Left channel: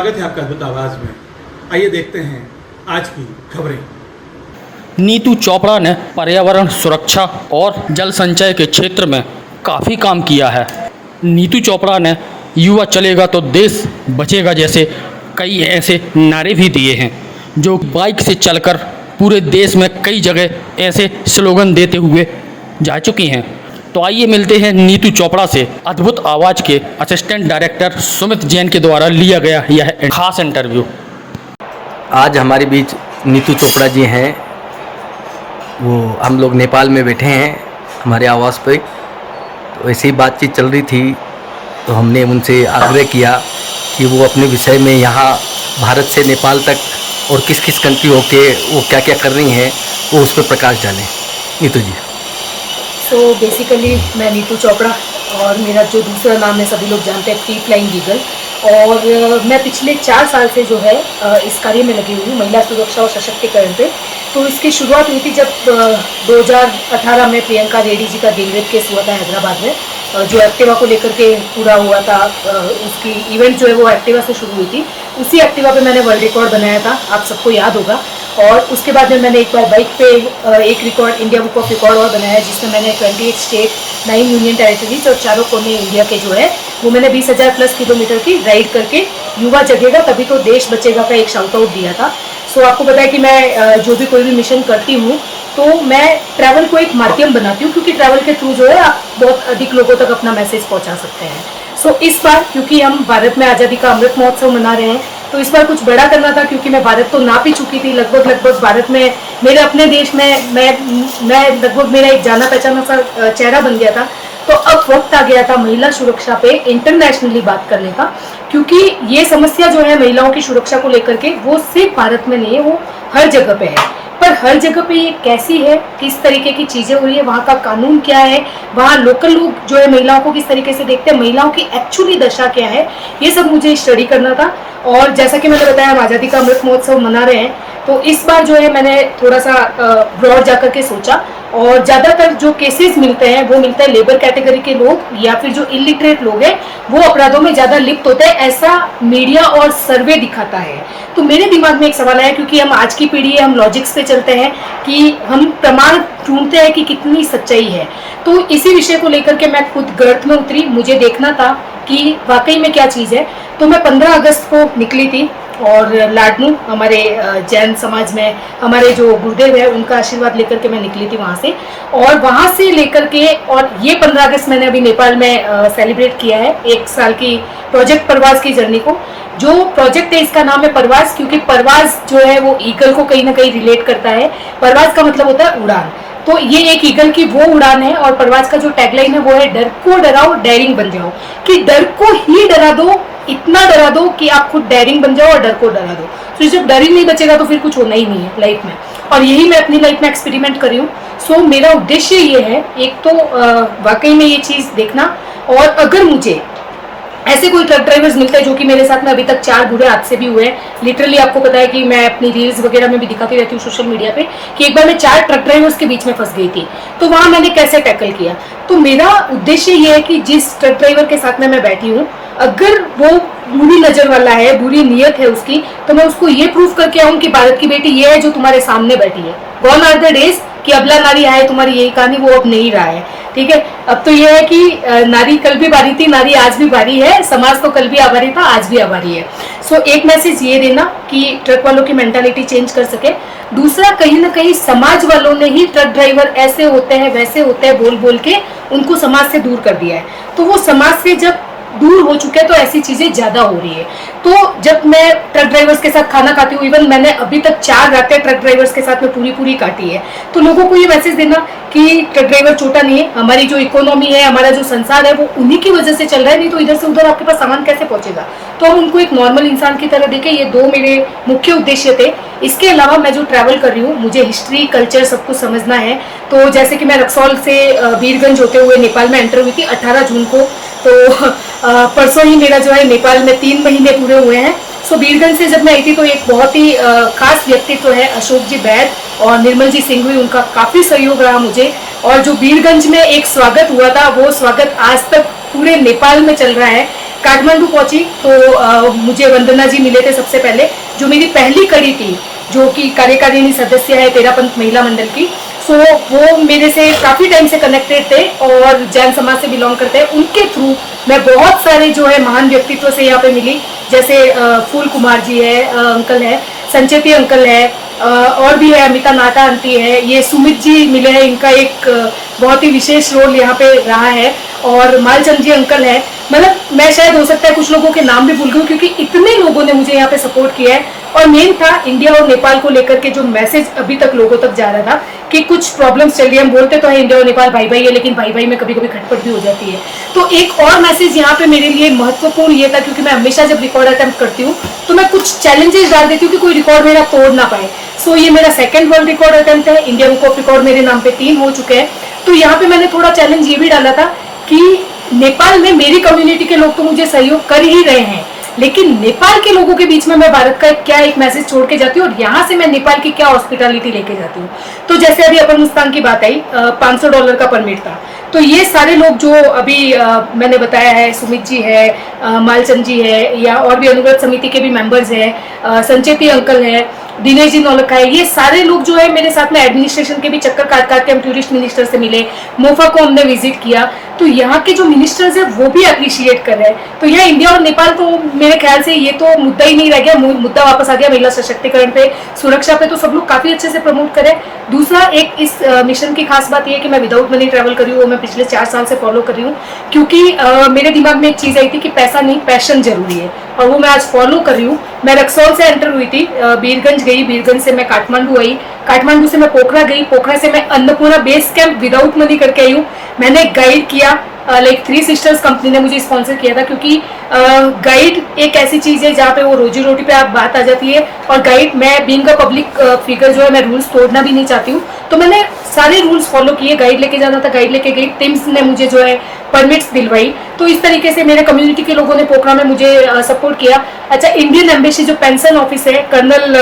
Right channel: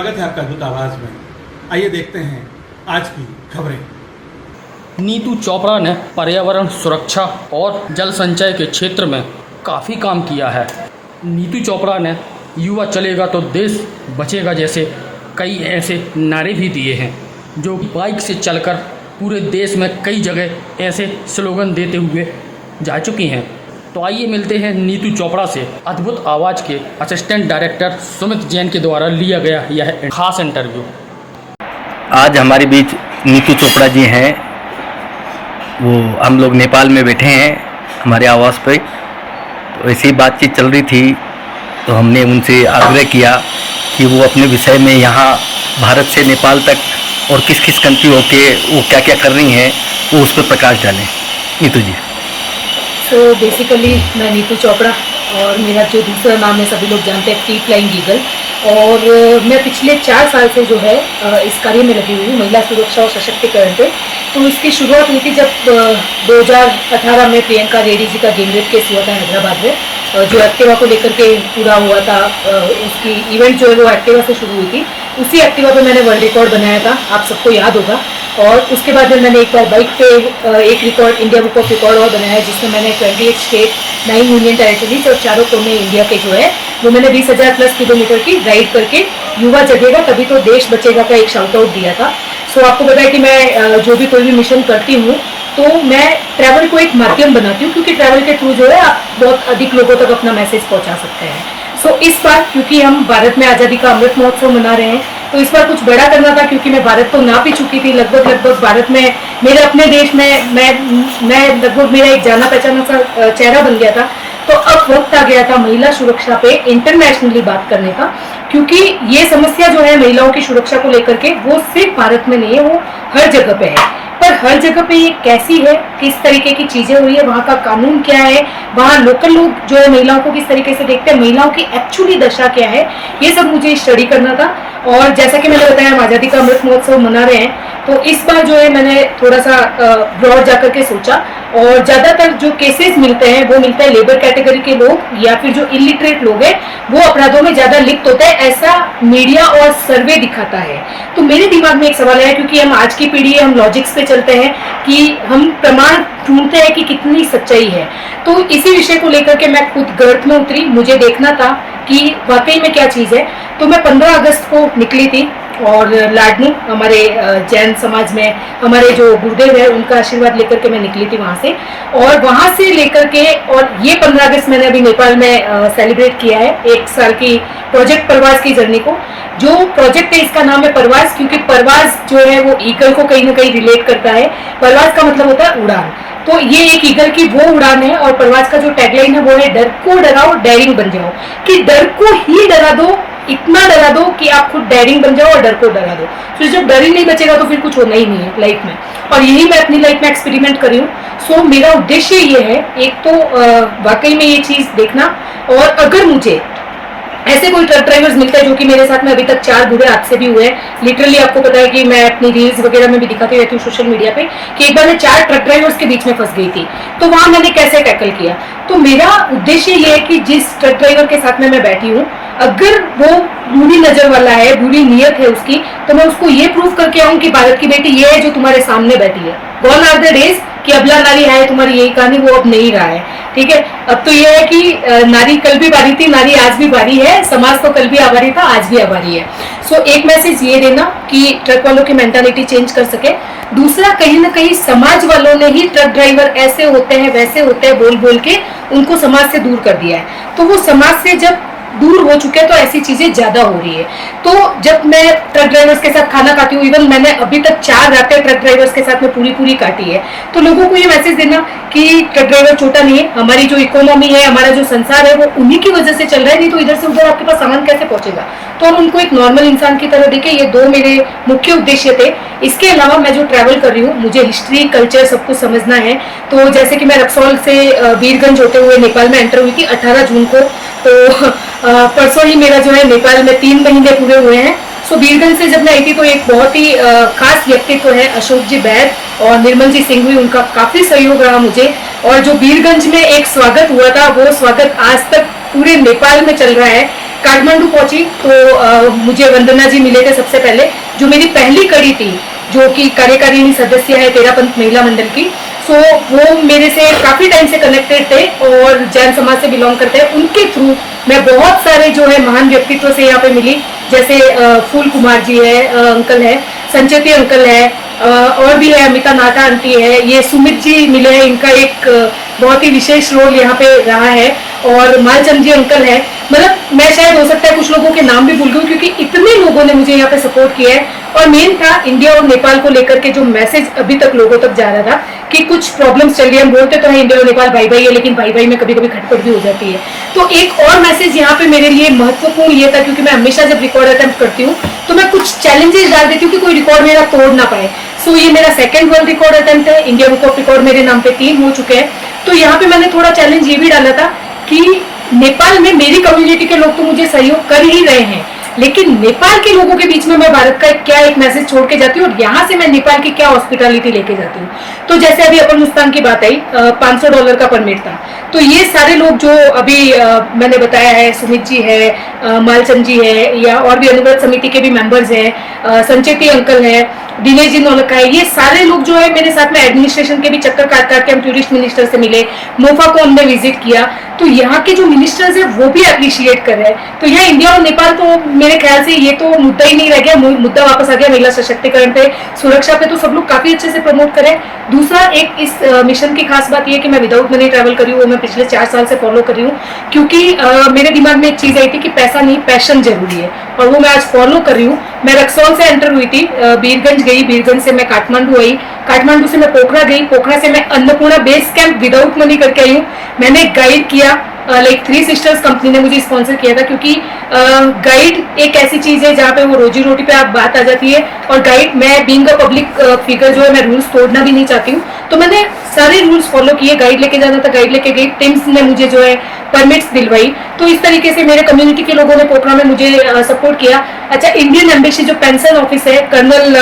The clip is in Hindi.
स्वागत है आपका अद्भुत आवाज में। आइए देखते हैं आज की खबरें। नीतू चोपड़ा ने पर्यावरण सुरक्षा और जल संचय के क्षेत्र में काफ़ी काम किया है। नीतू चोपड़ा ने युवा चलेगा तो देश बचेगा जैसे कई ऐसे नारे भी दिए हैं, जो बाइक से चलकर पूरे देश में कई जगह ऐसे स्लोगन देते हुए जा चुकी हैं। तो आइए मिलते हैं नीतू चोपड़ा से। अद्भुत आवाज़ के असिस्टेंट डायरेक्टर सुमित जैन के द्वारा लिया गया यह खास इंटरव्यू। आज हमारे बीच नीतू चोपड़ा जी हैं। वो हम लोग नेपाल में बैठे हैं हमारे आवास पे, तो ऐसी ही बातचीत चल रही थी, तो हमने उनसे आग्रह किया कि वो अपने विषय में यहाँ भारत से नेपाल तक और किस किस कंट्री होके वो क्या क्या कर रही हैं वो उस पर प्रकाश डालें। नीतू जी। तो बेसिकली मैं नीतू चोपड़ा और मेरा जो दूसरा नाम है सभी लोग जानते हैं फ्री फ्लाइंग ईगल, और मैं पिछले 4 साल से जो है इस कार्य में लगी हुई हूँ, महिला सुरक्षा और सशक्तिकरण पे। तो इसकी शुरुआत हुई थी जब 2018 में प्रियंका रेड्डी जी का गैंगरेप केस हुआ था हैदराबाद में, जो एक्टिवा को लेकर के पूरा हुआ था। उसकी इवेंट जो है वो एक्टिवा से शुरू हुई थी। उसी एक्टिवा पे मैंने वर्ल्ड रिकॉर्ड बनाया था, आप सबको याद होगा। और उसके बाद में मैंने एक बार बाइक पे एक record India book of record और बनाया, जिसमें मैंने 28 स्टेट, 9 यूनियन टेरिटरीज और 4 कोने इंडिया के जो है वो मैंने 20,000 प्लस किलोमीटर की राइड करके युवा जगेगा तभी तो देश बचेगा का एक शाउट आउट दिया था। सो आपको पता है कि मैं जो भी कोई भी मिशन करती हूँ तो मैं ट्रैवल को एक माध्यम बनाती हूँ, क्योंकि ट्रैवल के थ्रू जो है आप बहुत अधिक लोगों तक अपना मैसेज पहुँचा सकते हैं। सो इस बार क्योंकि हम भारत में आज़ादी का अमृत महोत्सव मना रहे हैं, तो इस बार कुछ बड़ा करना था, क्योंकि मैं भारत तो नाप ही चुकी थी लगभग भारत में, मेरे अपने देश में मैं लगभग मेरा एक जाना पहचाना सा चेहरा बन गया था। तो अब वक्त आ गया था महिला सुरक्षा पे इंटरनेशनली बात करने का, क्योंकि ये समस्या जो है महिलाओं की सुरक्षा को लेकर के वो सिर्फ भारत में नहीं है, वो हर जगह पे है। पर हर जगह पे ये कैसी है, किस तरीके की चीजें हो रही है, वहाँ का कानून क्या है, वहाँ लोकल लोग जो है महिलाओं को किस तरीके से देखते हैं, महिलाओं की एक्चुअली दशा क्या है, ये सब मुझे स्टडी करना था। और जैसा कि मैंने बताया, हम आज़ादी का अमृत महोत्सव मना रहे हैं, तो इस बार जो है मैंने थोड़ा सा ब्रॉड जाकर के सोचा, और ज़्यादातर जो केसेस मिलते हैं वो मिलते हैं लेबर कैटेगरी के लोग या फिर जो इलिटरेट लोग हैं, वो अपराधों में ज़्यादा लिप्त होते हैं, ऐसा मीडिया और सर्वे दिखाता है। तो मेरे दिमाग में एक सवाल आया, क्योंकि हम आज की पीढ़ी है, हम लॉजिक्स पे चलते हैं कि हम प्रमाण ढूंढते हैं कि कितनी सच्चाई है। तो इसी विषय को लेकर के मैं खुद गर्त में उतरी, मुझे देखना था कि वाकई में क्या चीज़ है। तो मैं 15 अगस्त को निकली थी, और लाडनू हमारे जैन समाज में हमारे जो गुरुदेव है उनका आशीर्वाद लेकर के मैं निकली थी वहाँ से। और वहाँ से लेकर के, और ये 15 अगस्त मैंने अभी नेपाल में सेलिब्रेट किया है 1 साल की प्रोजेक्ट परवाज की जर्नी को। जो प्रोजेक्ट है इसका नाम है परवाज, क्योंकि परवाज जो है वो ईगल को कहीं ना कहीं रिलेट करता है। परवाज का मतलब होता है उड़ान, तो ये एक ईगल की वो उड़ान है। और परवाज का जो टैगलाइन है वो है डर को डराओ डेयरिंग बन जाओ, कि डर को ही डरा दो, इतना डरा दो कि आप खुद डेयरिंग बन जाओ और डर को डरा दो। तो जब डर ही नहीं बचेगा तो फिर कुछ होना ही नहीं है लाइफ में, और यही मैं अपनी लाइफ में एक्सपेरिमेंट कर रही हूँ। सो मेरा उद्देश्य ये है, एक तो वाकई में ये चीज देखना, और अगर मुझे ऐसे कोई ट्रक ड्राइवर्स मिलते हैं, जो कि मेरे साथ में अभी तक 4 बुरे हादसे भी हुए हैं। लिटरली आपको पता है कि मैं अपनी रील्स वगैरह में भी दिखाती रहती हूँ सोशल मीडिया पे, कि एक बार मैं 4 ट्रक ड्राइवर्स के बीच में फंस गई थी, तो वहां मैंने कैसे टैकल किया। तो मेरा उद्देश्य ये है कि जिस ट्रक ड्राइवर के साथ में मैं बैठी हूँ, अगर वो बुरी नजर वाला है, बुरी नीयत है उसकी, तो मैं उसको ये प्रूव करके आऊँ कि भारत की बेटी ये है जो तुम्हारे सामने बैठी है। गॉन आर द डेज कि अबला नारी आए, तुम्हारी यही कहानी, वो अब नहीं रहा है। ठीक है, अब तो ये है कि नारी कल भी भारी थी, नारी आज भी भारी है, समाज तो कल भी आभारी था, आज भी आभारी है। सो एक मैसेज ये देना कि ट्रक वालों की मेंटालिटी चेंज कर सके। दूसरा, कहीं ना कहीं समाज वालों ने ही ट्रक ड्राइवर ऐसे होते हैं वैसे होते हैं बोल बोल के उनको समाज से दूर कर दिया है। तो वो समाज से जब दूर हो चुके हैं तो ऐसी चीजें ज्यादा हो रही है। तो जब मैं ट्रक ड्राइवर्स के साथ खाना खाती हूँ, इवन मैंने अभी तक 4 रातें ट्रक ड्राइवर्स के साथ में पूरी काटी है, तो लोगों को ये मैसेज देना कि ट्रक ड्राइवर छोटा नहीं है, हमारी जो इकोनॉमी है, हमारा जो संसार है, वो उन्हीं की वजह से चल रहा है, नहीं तो इधर से उधर आपके पास सामान कैसे पहुंचेगा। तो हम उनको एक नॉर्मल इंसान की तरह देखें। ये 2 मेरे मुख्य उद्देश्य थे। इसके अलावा मैं जो ट्रैवल कर रही हूँ, मुझे हिस्ट्री, कल्चर सब कुछ समझना है। तो जैसे कि मैं रक्सौल से वीरगंज होते हुए नेपाल में एंटर हुई थी 18 जून को, तो परसों ही मेरा जो है नेपाल में 3 महीने पूरे हुए हैं। सो वीरगंज से जब मैं आई थी तो एक बहुत ही खास व्यक्तित्व है अशोक जी बैद और निर्मल जी सिंह हुई, उनका काफी सहयोग रहा मुझे। और जो वीरगंज में एक स्वागत हुआ था, वो स्वागत आज तक पूरे नेपाल में चल रहा है काठमांडू पहुंची तो मुझे वंदना जी मिले थे सबसे पहले, जो मेरी पहली कड़ी थी, जो कि कार्यकारिणी सदस्य है तेरापंथ महिला मंडल की। सो वो मेरे से काफी टाइम से कनेक्टेड थे और जैन समाज से बिलोंग करते हैं। उनके थ्रू मैं बहुत सारे जो है महान व्यक्तित्व से यहाँ पे मिली, जैसे फूल कुमार जी है, अंकल है, संचेती अंकल है, और भी है अमिता नाटा आंटी है, ये सुमित जी मिले हैं, इनका एक बहुत ही विशेष रोल यहाँ पे रहा है, और मालचंद जी अंकल है। मतलब मैं शायद हो सकता है कुछ लोगों के नाम भी भूल गई क्योंकि इतने लोगों ने मुझे यहाँ पे सपोर्ट किया है। और मेन था इंडिया और नेपाल को लेकर के जो मैसेज अभी तक लोगों तक जा रहा था कि कुछ प्रॉब्लम्स चल रही है। हम बोलते तो है इंडिया और नेपाल भाई भाई है, लेकिन भाई भाई में कभी कभी खटपट भी हो जाती है। तो एक और मैसेज यहाँ पे मेरे लिए महत्वपूर्ण ये था, क्योंकि मैं हमेशा जब रिकॉर्ड अटेम्प्ट करती हूँ तो मैं कुछ चैलेंजेस डाल देती हूँ कि कोई रिकॉर्ड मेरा तोड़ ना पाए। सो ये मेरा सेकंड वर्ल्ड रिकॉर्ड अटेम्प्ट है, इंडिया बुक ऑफ रिकॉर्ड मेरे नाम पे 3 हो चुके हैं। तो यहाँ पे मैंने थोड़ा चैलेंज ये भी डाला था कि नेपाल में मेरी कम्युनिटी के लोग तो मुझे सहयोग कर ही रहे हैं, लेकिन नेपाल के लोगों के बीच में मैं भारत का क्या एक मैसेज छोड़ के जाती हूँ और यहाँ से मैं नेपाल की क्या हॉस्पिटैलिटी लेके जाती हूँ। तो जैसे अभी अपन मुस्तान की बात आई, $500 का परमिट था, तो ये सारे लोग जो अभी मैंने बताया है, सुमित जी है, मालचंद जी है, या और भी अनुव्रत समिति के भी मेंबर्स हैं, संचेती अंकल है, दिनेश जी नौलखा है, ये सारे लोग जो है मेरे साथ में एडमिनिस्ट्रेशन के भी चक्कर काट काट के हम टूरिस्ट मिनिस्टर से मिले, मोफा को हमने विजिट किया, तो यहाँ के जो मिनिस्टर्स है वो भी अप्रिशिएट कर रहे हैं। तो यहाँ इंडिया और नेपाल तो मेरे ख्याल से ये तो मुद्दा ही नहीं रह गया, मुद्दा वापस आ गया महिला सशक्तिकरण पे, सुरक्षा पे, तो सब लोग काफी अच्छे से प्रमोट करें। दूसरा एक इस मिशन की खास बात यह है कि मैं विदाउट मनी ट्रैवल कर रही हूँ, वो मैं पिछले 4 साल से फॉलो कर रही हूँ, क्योंकि मेरे दिमाग में एक चीज आई थी कि पैसा नहीं पैशन जरूरी है, और वो मैं आज फॉलो कर रही हूँ। मैं रक्सौल से एंटर हुई थी, बीरगंज गई, बीरगंज से मैं काठमांडू आई, काठमांडू से मैं पोखरा गई, पोखरा से मैं Annapurna base camp without money करके आई हूँ। मैंने गाइड किया, लाइक 3 सिस्टर्स कंपनी ने मुझे स्पॉन्सर किया था, क्योंकि गाइड एक ऐसी चीज है जहाँ पे वो रोजी रोटी पे आप बात आ जाती है, और गाइड, मैं बीइंग अ पब्लिक फिगर जो है, मैं रूल्स तोड़ना भी नहीं चाहती हूँ, तो मैंने सारे रूल्स फॉलो किए। गाइड लेके जाना था, गाइड लेके गई, टिम्स ने मुझे जो है परमिट्स दिलवाई। तो इस तरीके से मेरे कम्युनिटी के लोगों ने पोखरा में मुझे सपोर्ट किया। अच्छा, इंडियन एम्बेसी जो पेंशन ऑफिस है, कर्नल